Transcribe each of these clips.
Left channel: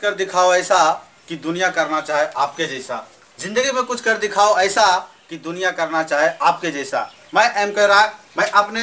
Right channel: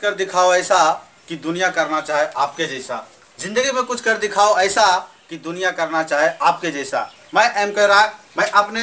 कर दिखाओ ऐसा कि दुनिया करना चाहे आपके जैसा। जिंदगी में कुछ कर दिखाओ ऐसा कि दुनिया करना चाहे आपके जैसा। मैं M.K. राय, मैं अपने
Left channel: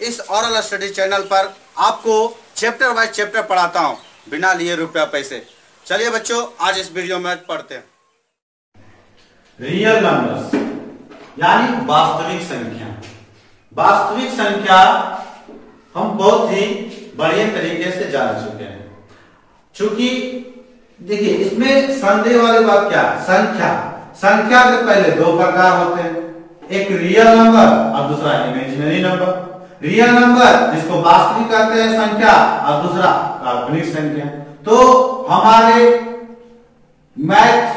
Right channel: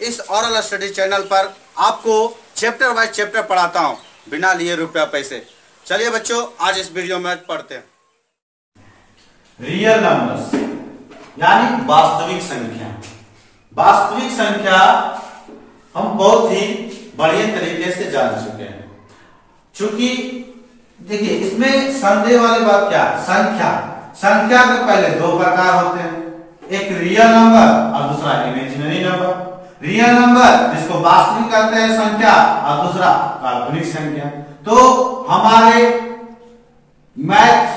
इस ओरल स्टडी चैनल पर आपको चैप्टर बाय चैप्टर पढ़ाता हूँ बिना लिए रुपया पैसे। चलिए बच्चों, आज इस वीडियो में पढ़ते हैं। रियल नंबर्स यानी वास्तविक संख्या। वास्तविक संख्या हम बहुत ही बढ़िया तरीके से जान चुके हैं। चूंकि देखिए इसमें संदेह वाली बात क्या है, संख्या के पहले दो प्रकार होते हैं, एक रियल नंबर और दूसरा इमेजिनरी नंबर। रियल नंबर जिसको वास्तविक कहते हैं संख्या और दूसरा काल्पनिक संख्या। तो हमारे मैथ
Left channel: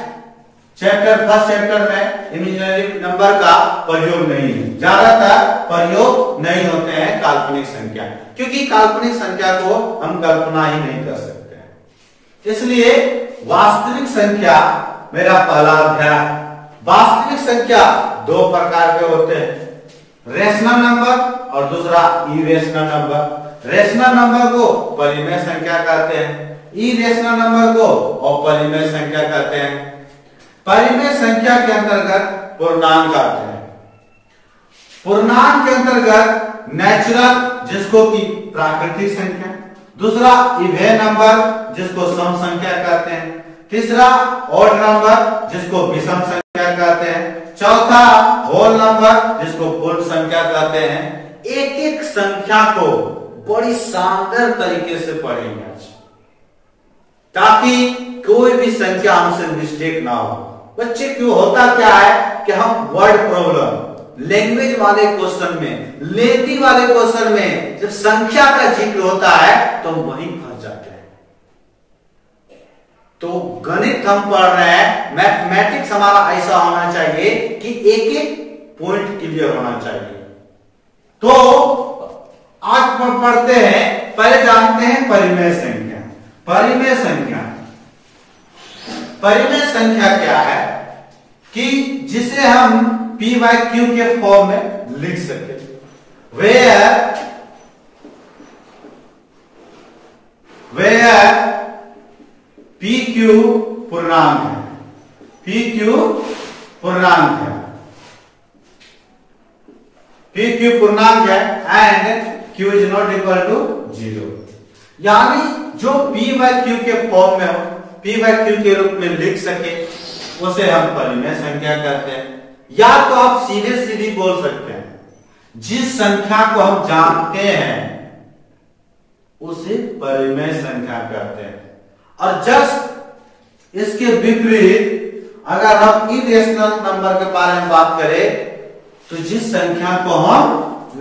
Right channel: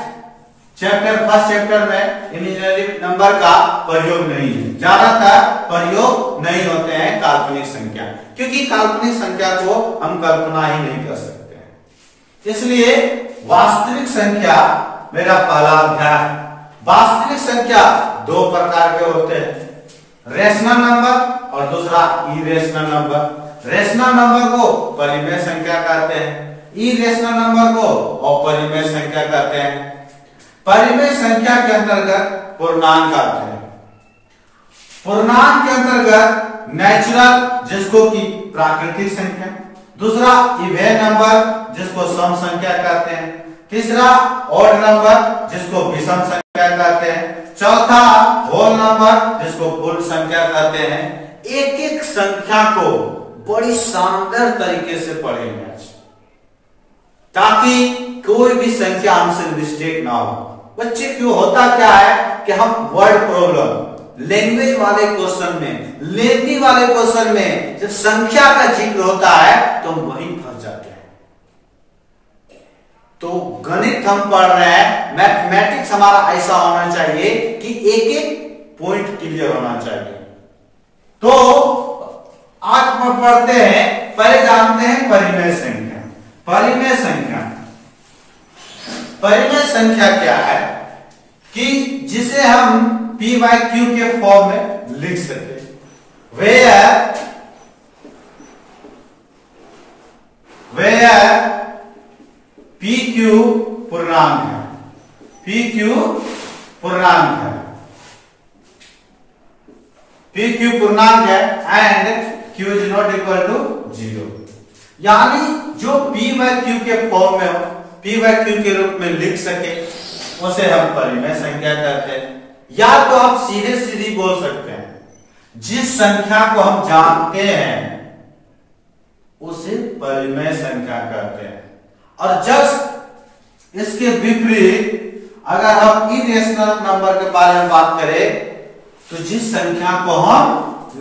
फर्स्ट चैप्टर में इमेजिनरी नंबर का प्रयोग नहीं है, ज्यादातर प्रयोग नहीं होते हैं काल्पनिक संख्या, क्योंकि काल्पनिक संख्या को हम कल्पना ही नहीं कर सकते हैं। इसलिए वास्तविक संख्या मेरा पहला अध्याय। वास्तविक संख्या दो प्रकार के होते हैं, रेशनल नंबर और दूसरा इरेशनल नंबर। रेशनल नंबर को परिमेय संख्या कहते हैं, इरेशनल नंबर को अपरिमेय संख्या कहते हैं। परिमेय संख्या के अंतर्गत पूर्णांक आते हैं, पूर्णांक के अंतर्गत नेचुरल जिसको कि प्राकृतिक संख्या, दूसरा इवन नंबर जिसको सम संख्या कहते हैं, तीसरा ऑड नंबर जिसको विषम संख्या कहते हैं, चौथा होल नंबर जिसको पूर्ण संख्या कहते हैं। एक एक संख्या को बड़ी शानदार तरीके से पढ़ेंगे ताकि कोई भी संख्या हमसे मिस्टेक ना हो। बच्चे क्यों होता क्या है कि हम वर्ड प्रॉब्लम, लैंग्वेज वाले क्वेश्चन में, लेती वाले क्वेश्चन में जब संख्या का जिक्र होता है तो हम वहीं फंस जाते हैं। तो गणित हम पढ़ रहे हैं, मैथमेटिक्स हमारा ऐसा होना चाहिए कि एक एक पॉइंट क्लियर होना चाहिए। तो आज पढ़ते हैं, पहले जानते हैं परिमेय संख्या। परिमेय संख्या, परिमेय संख्या क्या है कि जिसे हम p/q के फॉर्म में लिख सके। वेयर pq पूर्णांक है, pq पूर्णांक है, pq पूर्णांक है and q is not equal to 0। यानी जो p/q के फॉर्म में हो, p/q के रूप में लिख सके, उसे हम परिमेय संख्या कहते हैं। या तो आप सीधे सीधी बोल सकते हैं, जिस संख्या को हम जानते हैं उसे परिमेय संख्या कहते हैं। और जस्ट इसके विपरीत अगर हम इरेशनल नंबर के बारे में बात करें तो जिस संख्या को हम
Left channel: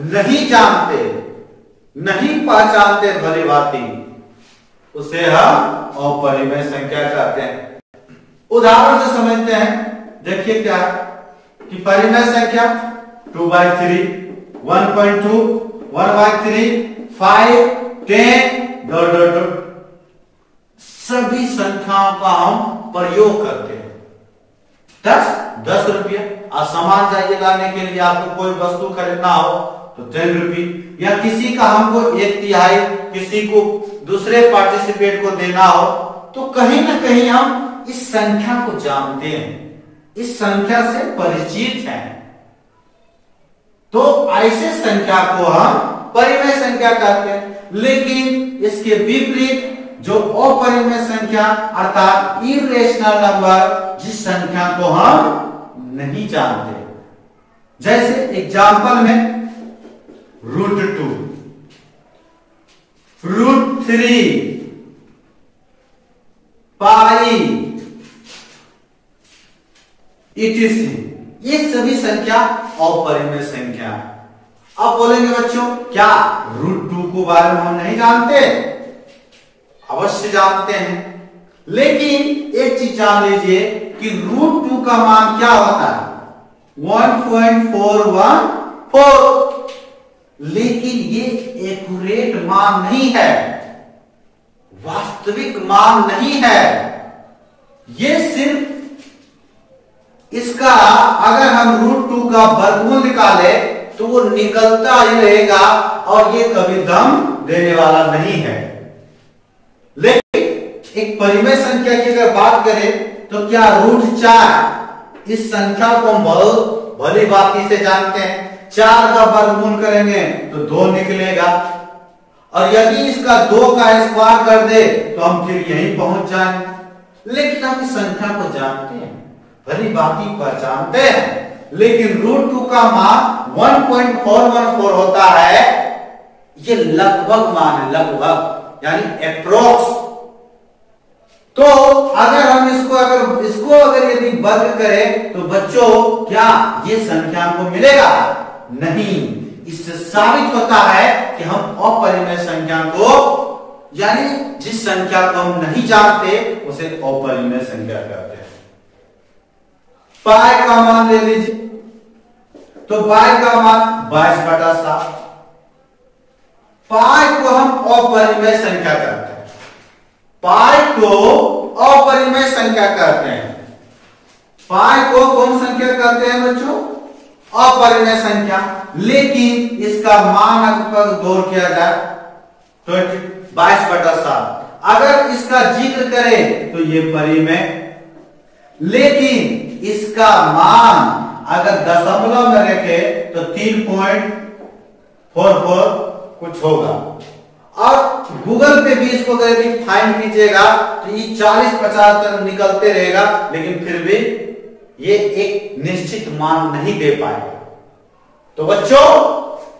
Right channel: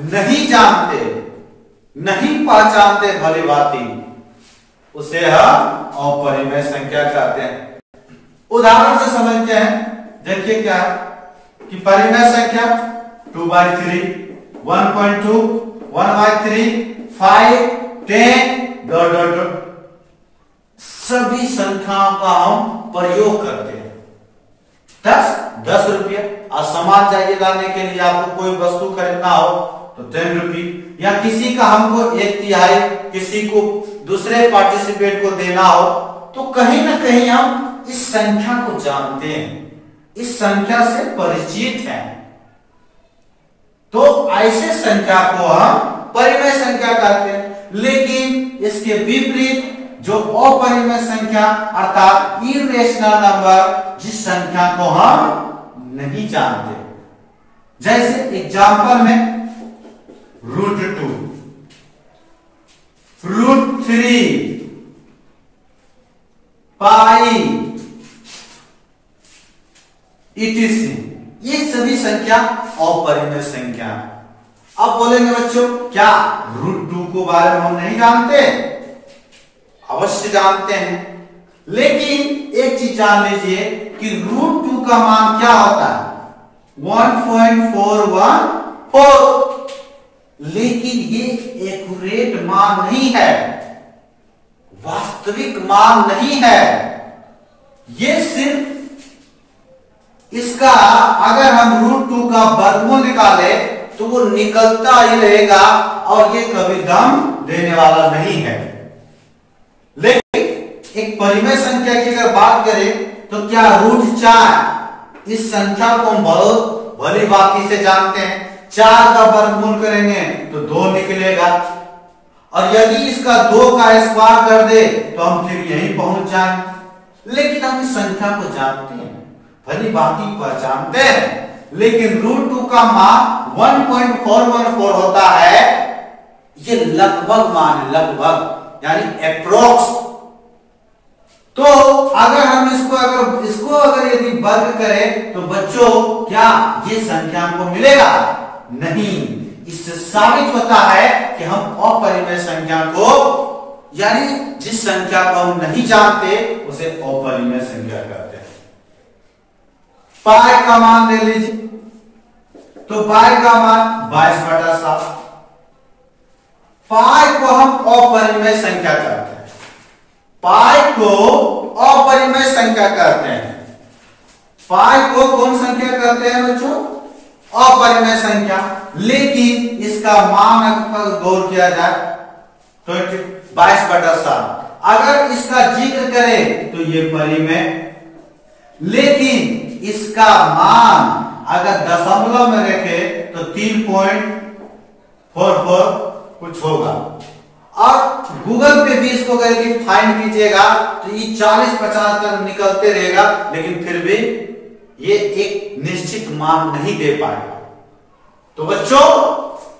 नहीं जानते, नहीं पहचानते भली भांति, उसे हम अपरिमेय संख्या कहते हैं। उदाहरण से समझते हैं। देखिए क्या है कि परिमेय संख्या 2/3, 1.2, 1/3, 5, 10 सभी संख्याओं का हम प्रयोग करते हैं। 10 रुपये, और सामान चाहिए लाने के लिए आपको कोई वस्तु खरीदना हो तो 10 रुपये, या किसी का हमको 1/3 किसी को दूसरे पार्टिसिपेट को देना हो तो कहीं ना कहीं हम इस संख्या को जानते हैं, इस संख्या से परिचित हैं। तो ऐसे संख्या को हम परिमेय संख्या कहते हैं। लेकिन इसके विपरीत जो अपरिमेय संख्या अर्थात इरेशनल नंबर, जिस संख्या को हम नहीं जानते, जैसे एग्जांपल में √2, √3, पाई, etc. ये सभी संख्या अपरिमेय संख्या। अब बोलेंगे बच्चों क्या √2 को बारे में हम नहीं जानते? अवश्य जानते हैं, लेकिन एक चीज जान लीजिए कि √2 का मान क्या होता है, 1.414। लेकिन ये एक्यूरेट मान नहीं है, वास्तविक मान नहीं है। ये सिर्फ इसका अगर हम √2 का वर्गमूल निकाले तो वो निकलता ही रहेगा और ये कभी दम देने वाला नहीं है। लेकिन एक परिमेय संख्या की अगर बात करें तो क्या √4 इस संख्या को हम बहुत भली भांति से जानते हैं। 4 का वर्गमूल करेंगे तो 2 निकलेगा, और यदि इसका 2 का स्क्वायर कर दे तो हम फिर यहीं पहुंच जाएंगे। लेकिन हम इस संख्या को जानते हैं, भली भांति पहचानते हैं, लेकिन √2 का मान 1.414 होता है। ये लगभग मान है, लगभग यानी अप्रोक्स। तो अगर हम इसको अगर यदि वर्ग करें तो बच्चों क्या ये संख्या हमको मिलेगा? नहीं। इससे साबित होता है कि हम अपरिमेय संख्या को, यानी जिस संख्या को हम नहीं जानते उसे अपरिमेय संख्या कहते हैं। पाई का मान ले लीजिए, तो पाई का मान 22/7। पाई को हम अपरिमेय संख्या कहते हैं। पाई को अपरिमेय संख्या कहते हैं। पाई को कौन संख्या कहते हैं बच्चों? अपरिमेय संख्या। लेकिन इसका मान अगर गौर किया जाए तो 22/7। अगर इसका जिक्र करें तो ये परिमेय, लेकिन इसका मान अगर दशमलव में रखे तो 3.44 कुछ होगा। और गूगल पे भी इसको यदि फाइंड कीजिएगा तो ये 40-50 तक निकलते रहेगा, लेकिन फिर भी ये एक निश्चित मान नहीं दे पाएगा। तो बच्चों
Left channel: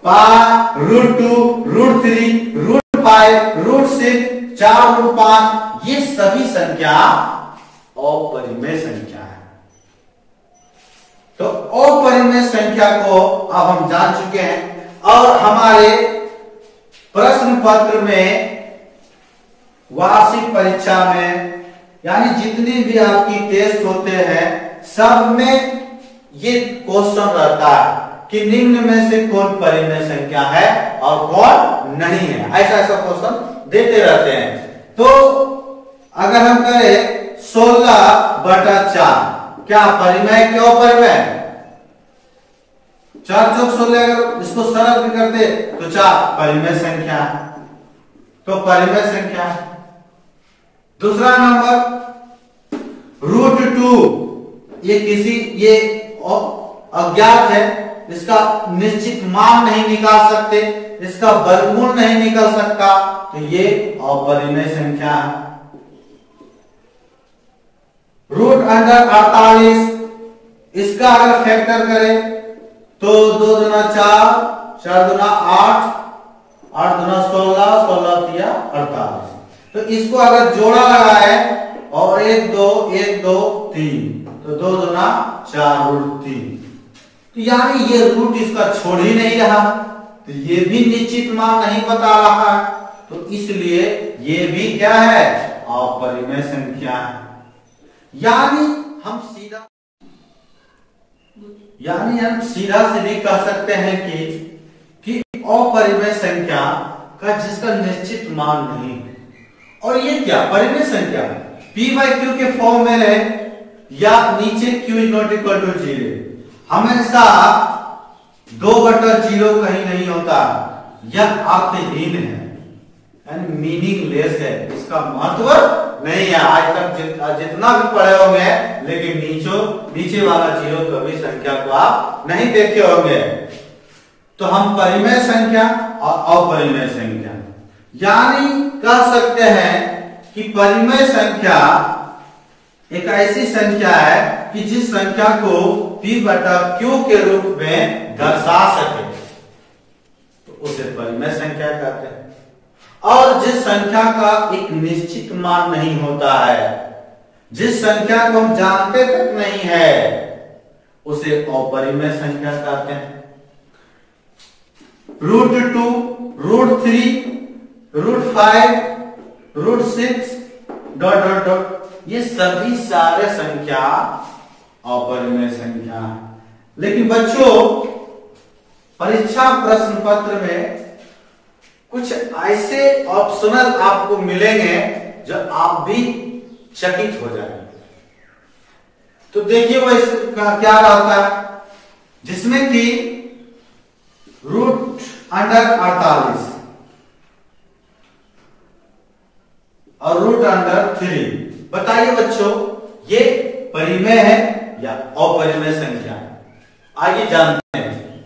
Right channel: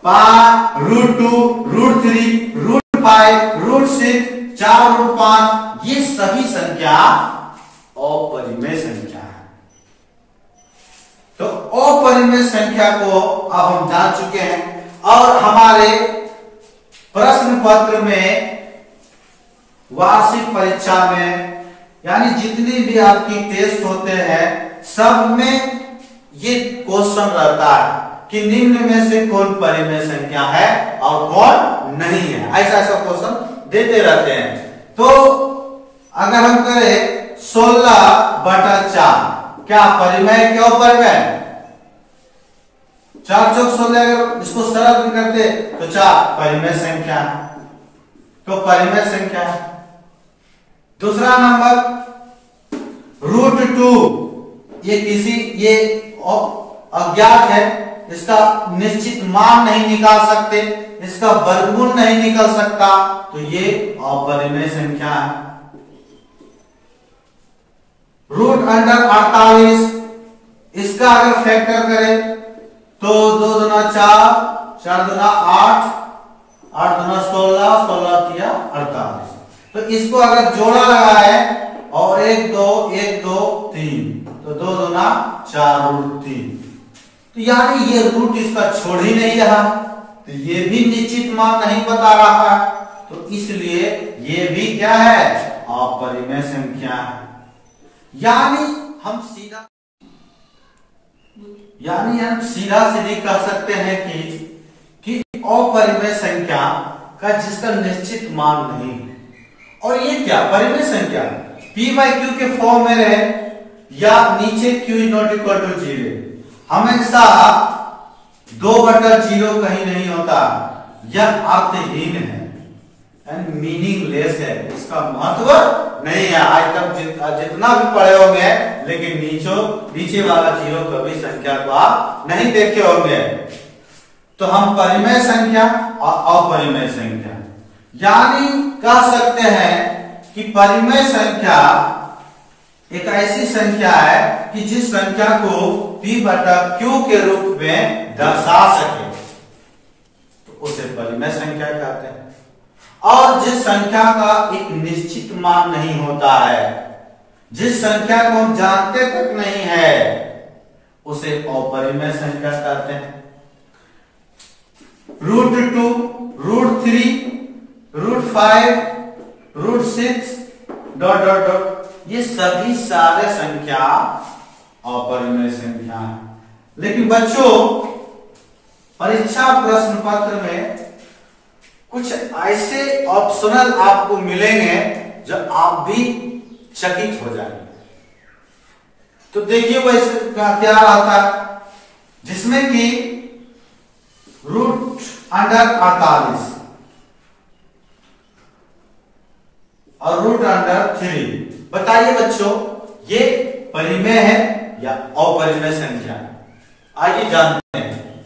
पाई, √2, √3, √5, √6, 4√5 ये सभी संख्या अपरिमेय संख्या है। तो अपरिमेय संख्या को अब हम जान चुके हैं, और हमारे प्रश्न पत्र में, वार्षिक परीक्षा में, यानी जितनी भी आपकी टेस्ट होते हैं सब में ये क्वेश्चन रहता है कि निम्न में से कौन परिमेय संख्या है और कौन नहीं है। ऐसा क्वेश्चन देते रहते हैं। तो अगर हम करें 16/4 क्या परिमेय? क्यों परिमेय? 4 चौक 16, अगर इसको सरल भी करते तो 4 परिमेय संख्या है, तो परिमेय संख्या है। दूसरा नंबर √2, ये अज्ञात है, इसका निश्चित मान नहीं निकाल सकते, इसका वर्गमूल नहीं निकल सकता, तो ये अपरिमेय संख्या है। √48 इसका अगर फैक्टर करें तो 2 दूना 4, 4 दूना 8, 8 दूना 16, 16 48। तो इसको अगर जोड़ा लगा है और 1 2 1 2 3, तो 2 दूना 4 √3, तो यानी ये रूट इसका छोड़ ही नहीं रहा, तो ये भी निश्चित मान नहीं बता रहा है, तो इसलिए ये भी क्या है? अपरिमेय संख्या है। यानी हम सीधा सीधी कह सकते हैं कि अपरिमेय संख्या का जिसका निश्चित मान नहीं है। और ये क्या परिमेय संख्या p/q के फॉर्म में रहे या नीचे q ≠ 0, हमेशा 2/0 कहीं नहीं होता, यह अर्थहीन है, मीनिंगलेस है, इसका महत्व नहीं है। आज तक जितना भी पढ़े होंगे, लेकिन नीचे वाला 0 कभी संख्या को आप नहीं देखे होंगे। तो हम परिमेय संख्या और अपरिमेय संख्या, यानी कह सकते हैं कि परिमेय संख्या एक ऐसी संख्या है कि जिस संख्या को p/q के रूप में दर्शा सके, तो उसे परिमेय संख्या कहते हैं। और जिस संख्या का एक निश्चित मान नहीं होता है, जिस संख्या को हम जानते तक नहीं है, उसे अपरिमेय संख्या कहते हैं। √2, √3, √5, √6 ... ये सभी सारे संख्या अपरिमेय संख्या है। लेकिन बच्चों परीक्षा प्रश्न पत्र में कुछ ऐसे ऑप्शनल आपको मिलेंगे जो आप भी चकित हो जाएंगे। तो देखिए वो इसका क्या रहता है, जिसमें कि √48 और रूट अंडर 3। बताइए बच्चों, ये परिमेय है या अपरिमेय संख्या है? आइए जानते हैं।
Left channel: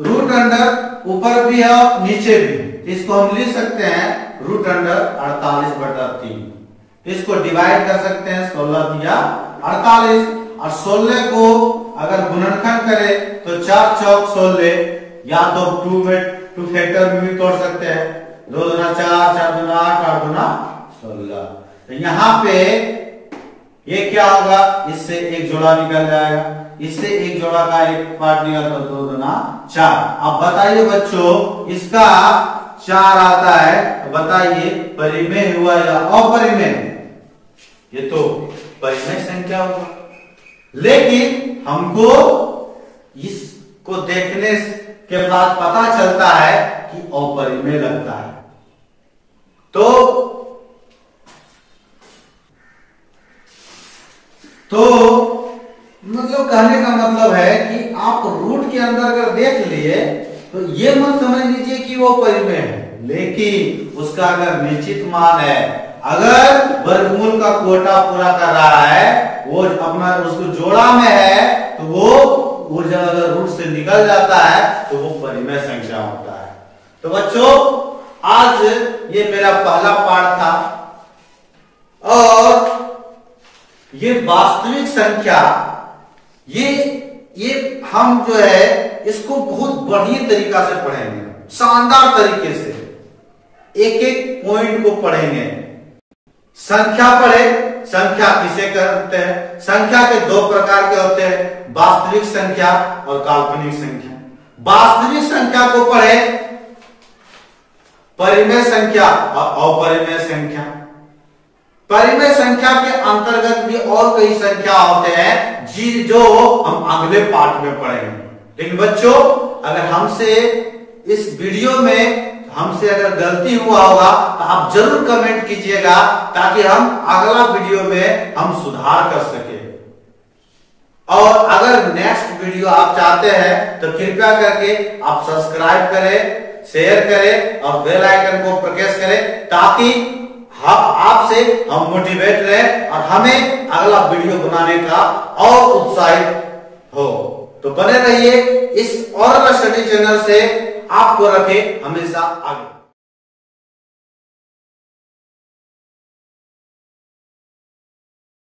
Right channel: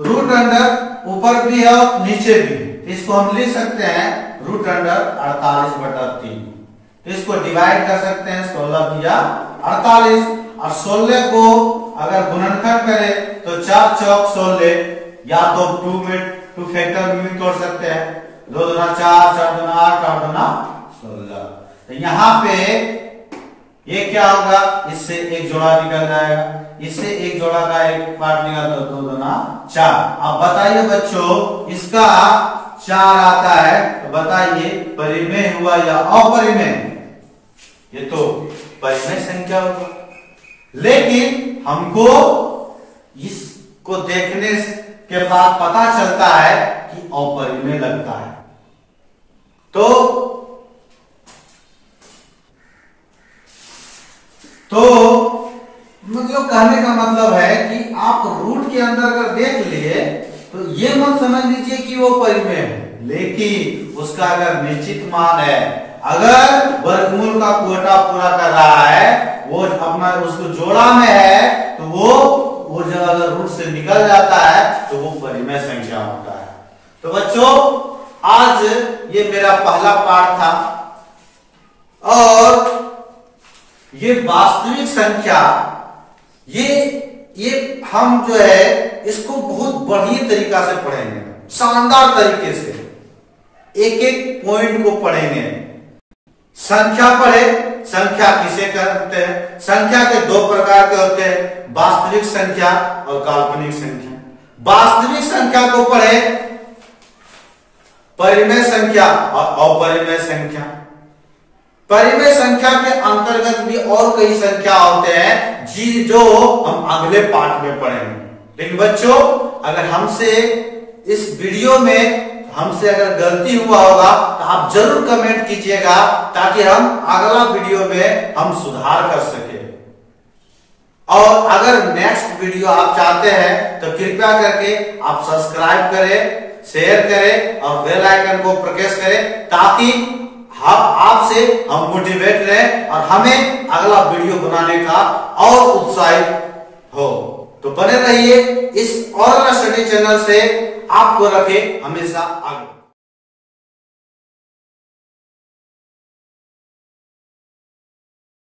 रूट अंडर ऊपर भी है और नीचे भी, इसको हम लिख सकते हैं रूट अंडर 48/3। इसको डिवाइड कर सकते हैं 16 या 48, और 16 को अगर गुणनखंड करें तो 4 चौक 16, या तो 2 फैक्टर में भी तोड़ सकते हैं, 2 दूना 4, 4 दूना 8, 8 दूना 16। तो यहाँ पे ये क्या होगा, इससे एक जोड़ा निकल जाएगा, इससे एक जोड़ा का एक पार्ट निकलता है, 2 दूना 4। अब बताइए बच्चों, इसका 4 आता है, तो बताइए परिमेय हुआ या अपरिमेय? ये तो परिमेय संख्या होगा, लेकिन हमको इसको देखने के बाद पता चलता है कि अपरिमेय लगता है। तो मतलब कहने का मतलब है कि आप रूट के अंदर अगर देख लिए तो ये मत समझ लीजिए कि वो परिमेय है, लेकिन उसका अगर निश्चित मान है, अगर वर्गमूल का कोटा पूरा कर रहा है, वो अपना उसको जोड़ा में है, तो वो जब अगर रूट से निकल जाता है तो वो परिमेय संख्या होता है। तो बच्चों, आज ये मेरा पहला पाठ था, और ये वास्तविक संख्या, ये हम जो है इसको बहुत बढ़िया तरीका से पढ़ेंगे, शानदार तरीके से एक एक पॉइंट को पढ़ेंगे। संख्या पढ़े, संख्या किसे कहते हैं? संख्या के 2 प्रकार के होते हैं, वास्तविक संख्या और काल्पनिक संख्या। वास्तविक संख्या को पढ़े, परिमेय संख्या और अपरिमेय संख्या। परिमेय संख्या के अंतर्गत भी और कई संख्या होते हैं जो हम अगले पाठ में पढ़ेंगे। लेकिन बच्चों, अगर हमसे इस वीडियो में हमसे अगर गलती हुआ होगा तो आप जरूर कमेंट कीजिएगा, ताकि हम अगला वीडियो में हम सुधार कर सके। और अगर नेक्स्ट वीडियो आप चाहते हैं तो कृपया करके आप सब्सक्राइब करें, शेयर करें और बेल आइकन को प्रेस करें, ताकि आपसे हम मोटिवेट रहे और हमें अगला वीडियो बनाने का और उत्साहित हो। तो बने रहिए इस ओरल स्टडी चैनल से, आपको रखे हमेशा आगे।